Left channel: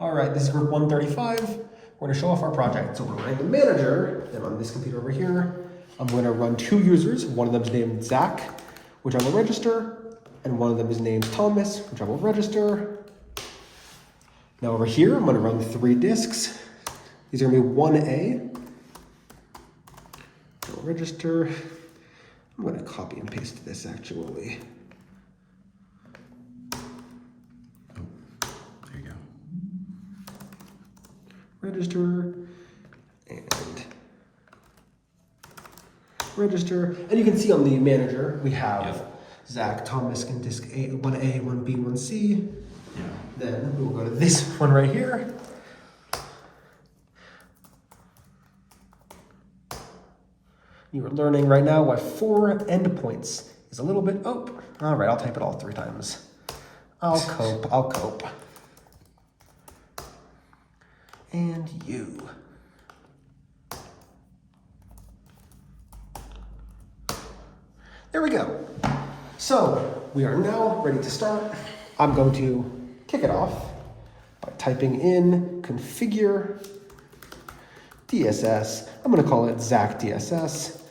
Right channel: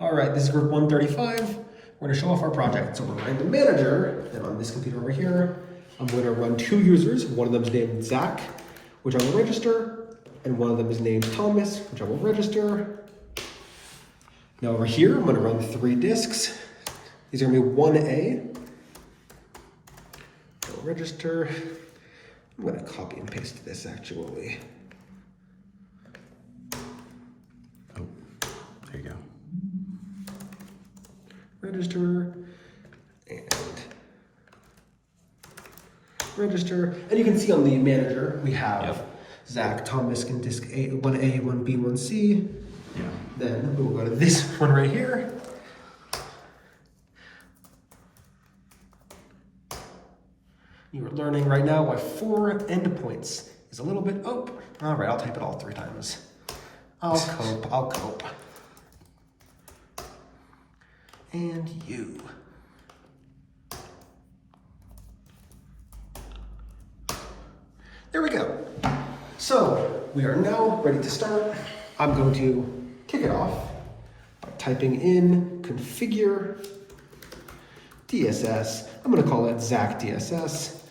All right, this is group 135. We're going to show off our project. So we're running the manager, and on this computer over here, I'm going to run two users. One of them is named Zach, which I will register, and one of them is named Thomas, which I will register. Now over here, I'm going to run 3 disks. These are going to be 1A. I'll register. I'm going to copy and paste this actually. Oh, there you go. Register and register. And you can see on the manager, we have Zach, Thomas in disk A, 1A, 1B, 1C. Then we'll go to this one right here. You are learning right now why 4 endpoints is a little bit, all right, I'll type it all 3 times. I'll cope. And you. There we go. So we are now ready to start. I'm going to kick it off by typing in configure DSS. I'm going to call it Zach DSS.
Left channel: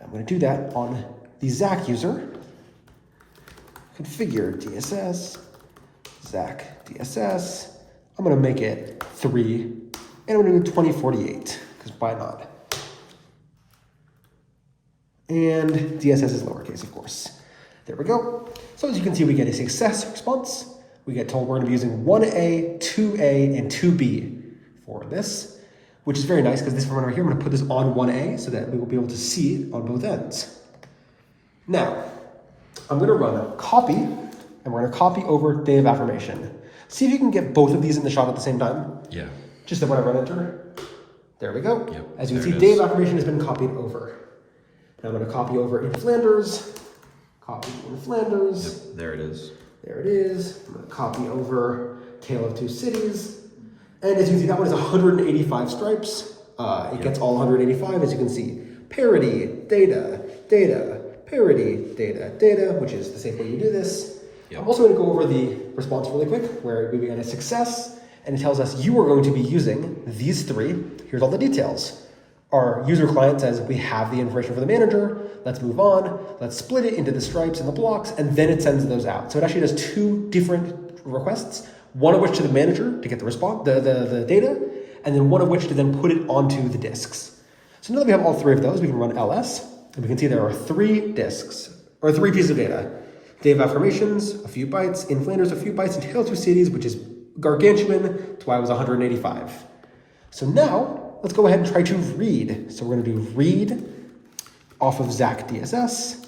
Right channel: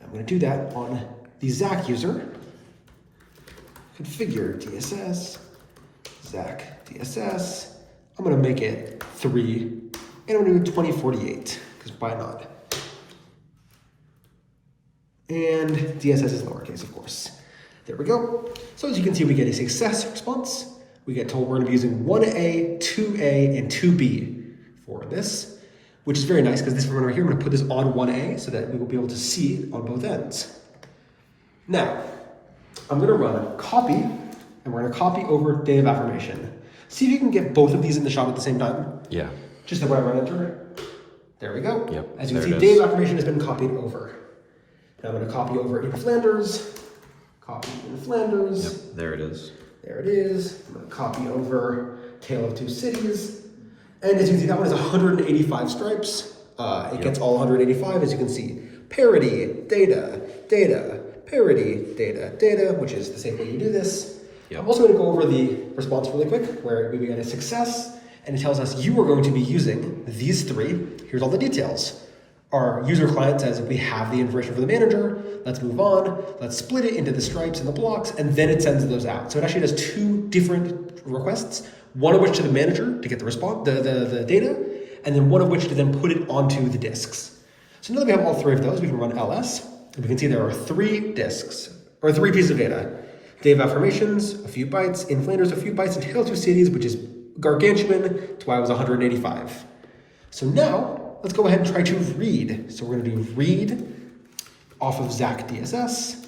I'm going to do that on the Zach user. Configure DSS, Zach DSS. I'm going to make it 3, and I'm going to do 2048, because why not? And DSS is lowercase, of course. There we go. So as you can see, we get a success response. We get told we're going to be using 1A, 2A, and 2B for this, which is very nice because this one right here, I'm going to put this on 1A so that we will be able to see on both ends. Now, I'm going to run copy, and we're going to copy over day of affirmation. See if you can get both of these in the shot at the same time. Yeah. Just that when I run enter, there we go. Yep. As you can see, day of affirmation has been copied over. Now I'm going to copy over in Flanders. Copy in Flanders. Yep, there it is. There it is. I'm going to copy over Tale of Two Cities. And as you can see, that one is 185 stripes. It gets all 185, as you can see. Parity, data, parity, data, which is the same way you do this. Yep. I'm also going to go over the response really quick, where we get a success, and it tells us you are going to be using these 3. Here's all the details. Our user client says we have the information for the manager. Let's move on. Let's split it into the stripes and the blocks, and then it sends those out. So it actually does 2 different requests, one of which to the manager to get the response, the data, and then one of which to then put it onto the disks. So now that we have all 3 of those, we can run ls, and we can see there are 3 disks, or 3 pieces of data. Day of affirmations, a few bytes. In Flanders, a few bytes. In Tale of Two Cities, which is gargantuan. That's why it was 185. So now, let's go ahead and try to read. So we're going to do read off of Zach DSS,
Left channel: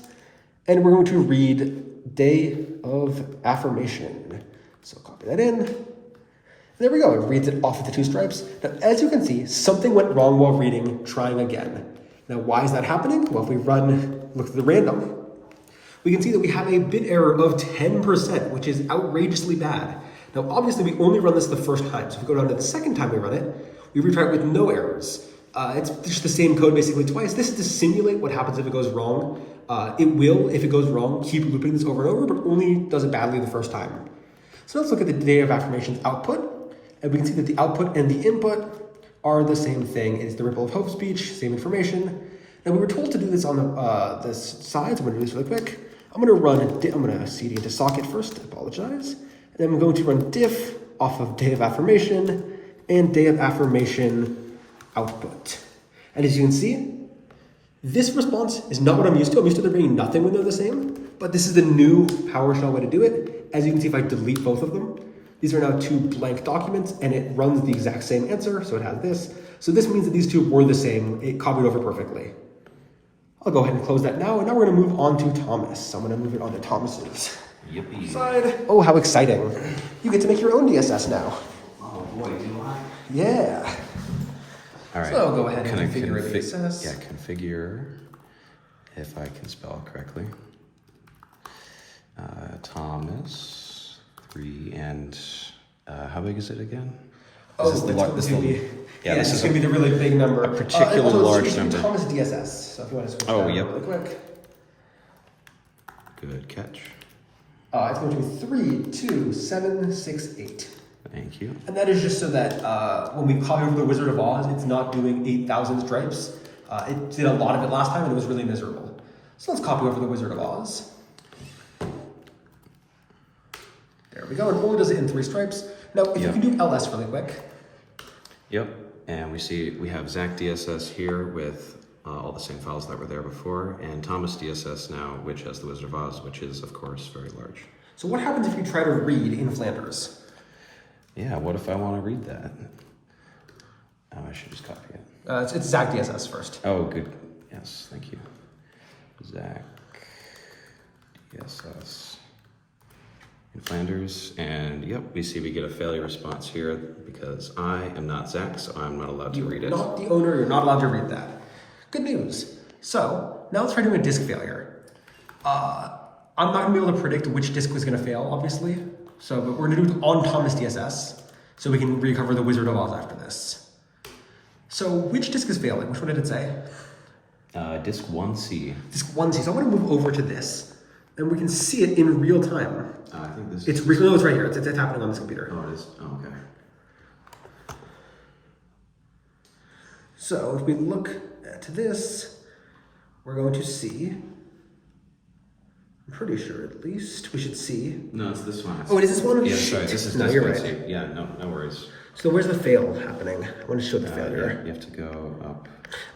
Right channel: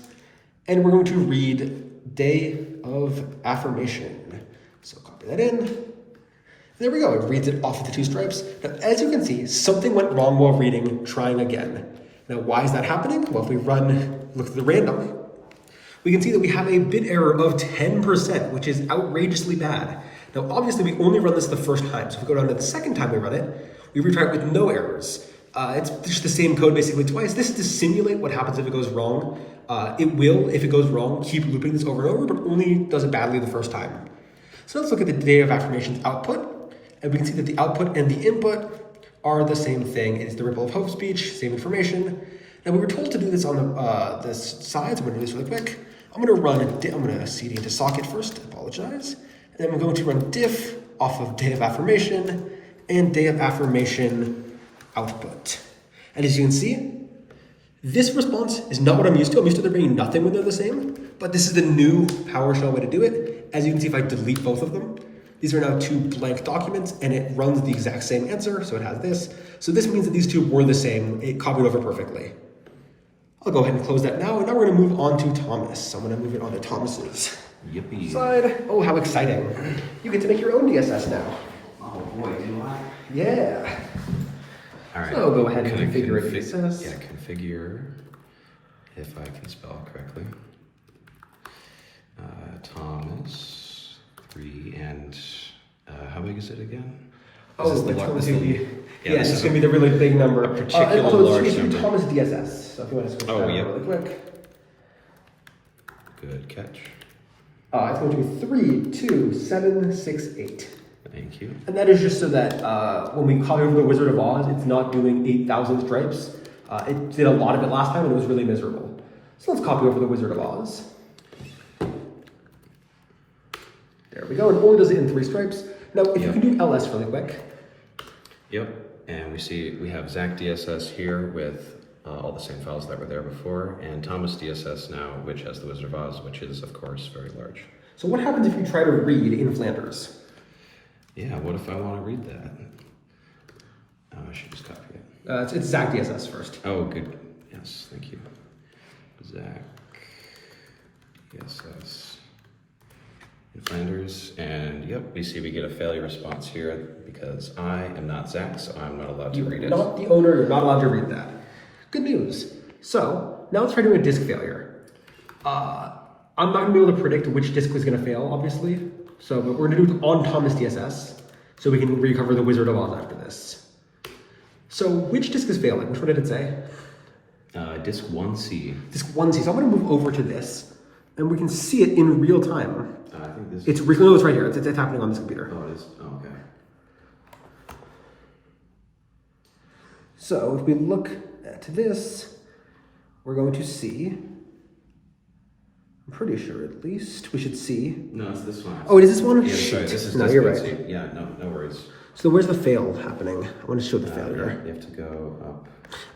and we're going to read day of affirmation. So copy that in. There we go. It reads it off of the 2 stripes. Now, as you can see, something went wrong while reading, trying again. Now, why is that happening? Well, if we look at the random, we can see that we have a bit error of 10%, which is outrageously bad. Now, obviously, we only run this the first time. So if we go down to the second time we run it, we retry it with no errors. It's just the same code basically twice. This is to simulate what happens if it goes wrong. It will, if it goes wrong, keep looping this over and over, but only does it badly the first time. So let's look at the day of affirmations output, and we can see that the output and the input are the same thing. It's the ripple of hope speech, same information. Now we were told to do this on the side, so I'm going to do this really quick. I'm going to cd into socket first, apologize. And then I'm going to run diff off of day of affirmation and day of affirmation output. And as you can see, this response is not what I'm used to. I'm used to there being nothing when they're the same, but this is the new PowerShell way to do it. As you can see, if I delete both of them, these are now 2 blank documents, and it runs the exact same answer, so it has this. So this means that these 2 were the same. It copied over perfectly. I'll go ahead and close that now, and now we're going to move on to Thomas. I'm going to move it on to Thomas's side. Oh, how exciting. You get to make your own DSS now. Oh boy, do I? Yeah. All right. So I'll go ahead and configure a DSS. Yeah, configure, if I can spell correctly. Thomas, 3, and how big is it again? Oh, this is going to be, this is going to be the really big number. A particular also, large it's number. Thomas DSS, so if you want to switch that really quick. Good catch. It's going to be 3, 2, 7, 6, 8. Thank you. And that is just so that when we copy over the Wizard of Oz, it's not doing 8,000 stripes. It did a lot of it last time and it was really miserable. So let's copy over the Wizard of Oz. There we go, and only does it in 3 stripes. Now, if you can do ls really quick. Yep, and we see we have Zach DSS here with all the same files that were there before, and Thomas DSS now, which has the Wizard of Oz, which is, of course, very large. So what happens if you try to read in Flanders? Yeah, what if I want to read that? Oh, I should just copy it. It's Zach DSS first. Oh, good. Yes, thank you. Zach DSS in Flanders, and yep, we see we get a failure response here because I am not Zach, so I'm not allowed to read it. You're not the owner, you're not allowed to read that. Good news. So now let's try doing a disk failure. I'm not gonna be able to predict which disk was gonna fail, obviously. So but we're gonna do it on Thomas DSS so we can recover the Wizard of Oz after this. So which disk is failing? Which one did it say? Disk 1C. Disk 1C. So I'm gonna move over to this and we can see it in real time. I think this It's right here. It's happening on this computer. Oh, it is? Oh, okay. So if we look at this, we're going to see, I'm pretty sure at least, we should see. No, it's this one. Oh, it is this one? Yeah, Shit. right. This is No, disk you're 1C. right. Yeah, no worries. So where's the fail happening? I want to show the failure. You have to go up.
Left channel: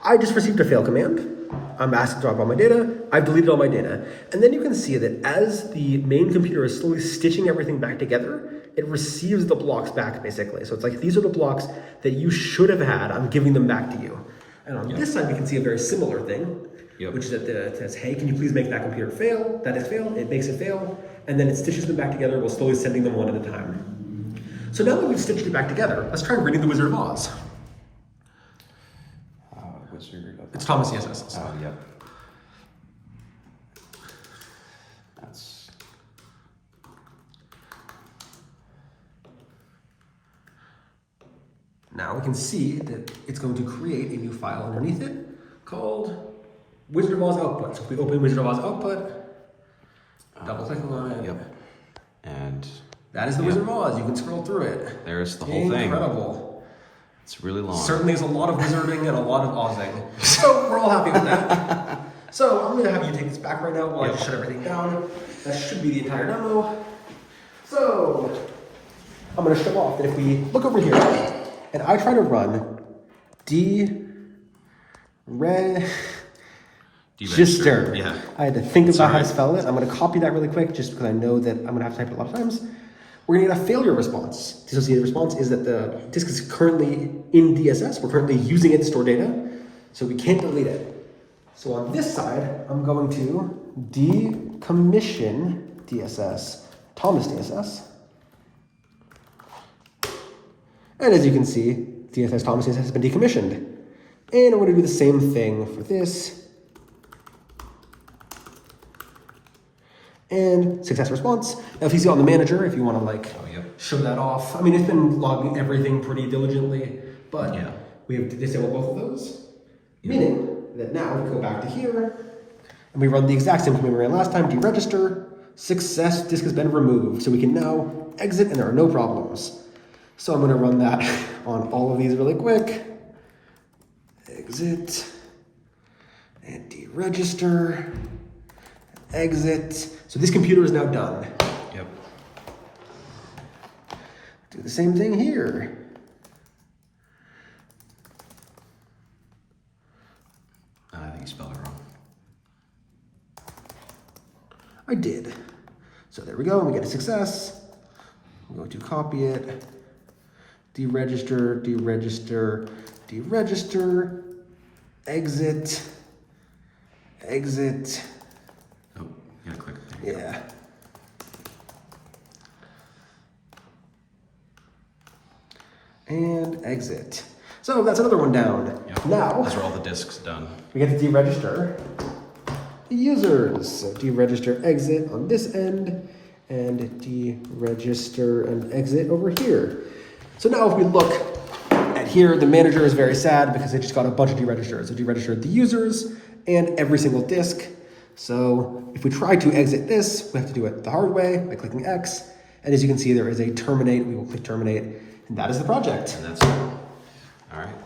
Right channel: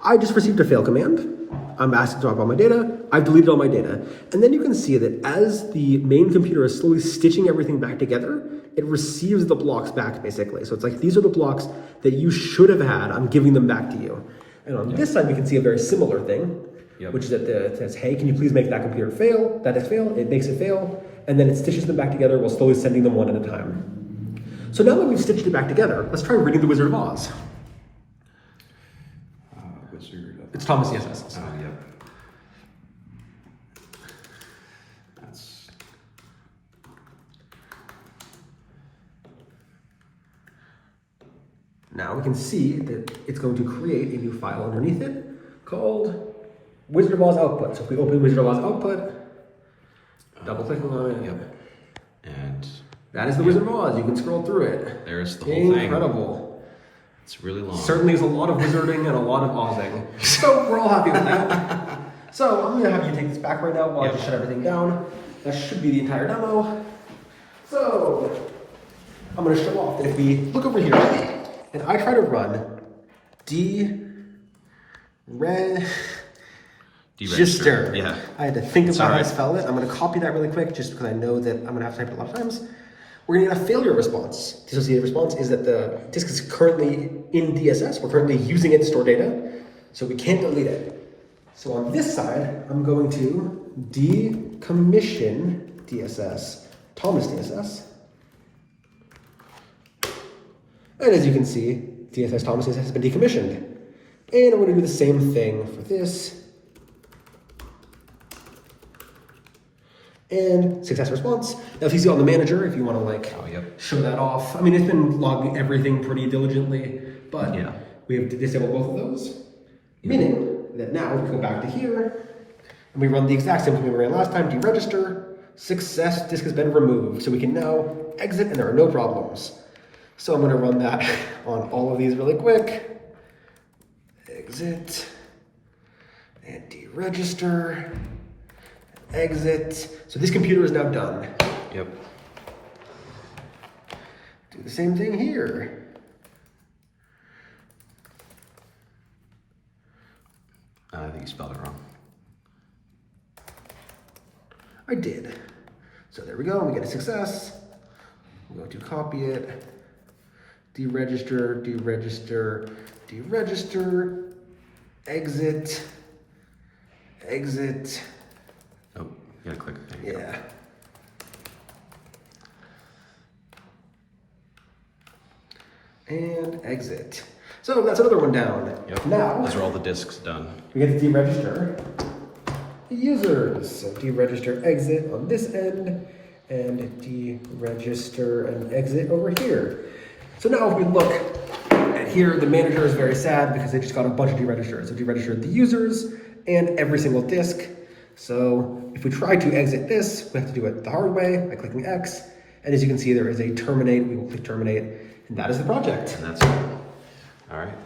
I just received a fail command. I'm asked to drop all my data. I've deleted all my data. And then you can see that as the main computer is slowly stitching everything back together, it receives the blocks back basically. So it's like, these are the blocks that you should have had. I'm giving them back to you. And on this side, you can see a very similar thing, which is that it says, hey, can you please make that computer fail? That is fail. It makes it fail. And then it stitches them back together while slowly sending them one at a time. So now that we've stitched it back together, let's try reading the Wizard of Oz. Wizard of It's Thomas DSS. Oh, yep. That's... Now we can see that it's going to create a new file underneath it called Wizard of Oz output. So if we open Wizard of Oz output, double clicking on it, and that is the Wizard of Oz. You can scroll through it. There's the whole thing. Incredible. It's really long. Certainly is a lot of wizarding and a lot of Ozing. So we're all happy with that. So I'm gonna have you take this back right now while I just shut everything down. That should be the entire demo. So I'm gonna show off that if we look over here and I try to run register. Yeah. I had to think about how to spell it. I'm gonna copy that really quick just because I know that I'm gonna have to type it a lot of times. We're gonna get a failure response. Dissociative response is that the disk is currently in DSS. We're currently using it to store data, so we can't delete it. So on this side, I'm going to decommission DSS, Thomas DSS. And as you can see, DSS Thomas DSS has been decommissioned. And we're gonna do the same thing for this. And success response. Now if you see on the manager, if you want to show that off. I mean, it's been logging everything pretty diligently, but we have disabled both of those. Meaning that now we go back to here and we run the exact same thing we ran last time, deregister, success, disk has been removed. So we can now exit and there are no problems. So I'm gonna run that on all of these really quick. Exit and deregister. Exit. So this computer is now done. Yep. Do the same thing here. I think you spelled it wrong. I did. So there we go. We get a success. I'm going to copy it. Deregister, deregister, deregister. Exit. Exit. Oh, you gotta click. There you go. And exit. So that's another one down. Yep. Now, these are all the disks done. we get to deregister the users. So deregister exit on this end and deregister and exit over here. So now if we look at here, the manager is very sad because they just got a bunch of deregisters. So deregistered the users and every single disk. So if we try to exit this, we have to do it the hard way by clicking X. And as you can see, there is a terminate. We will click terminate, and that is the project. And that's cool. All right.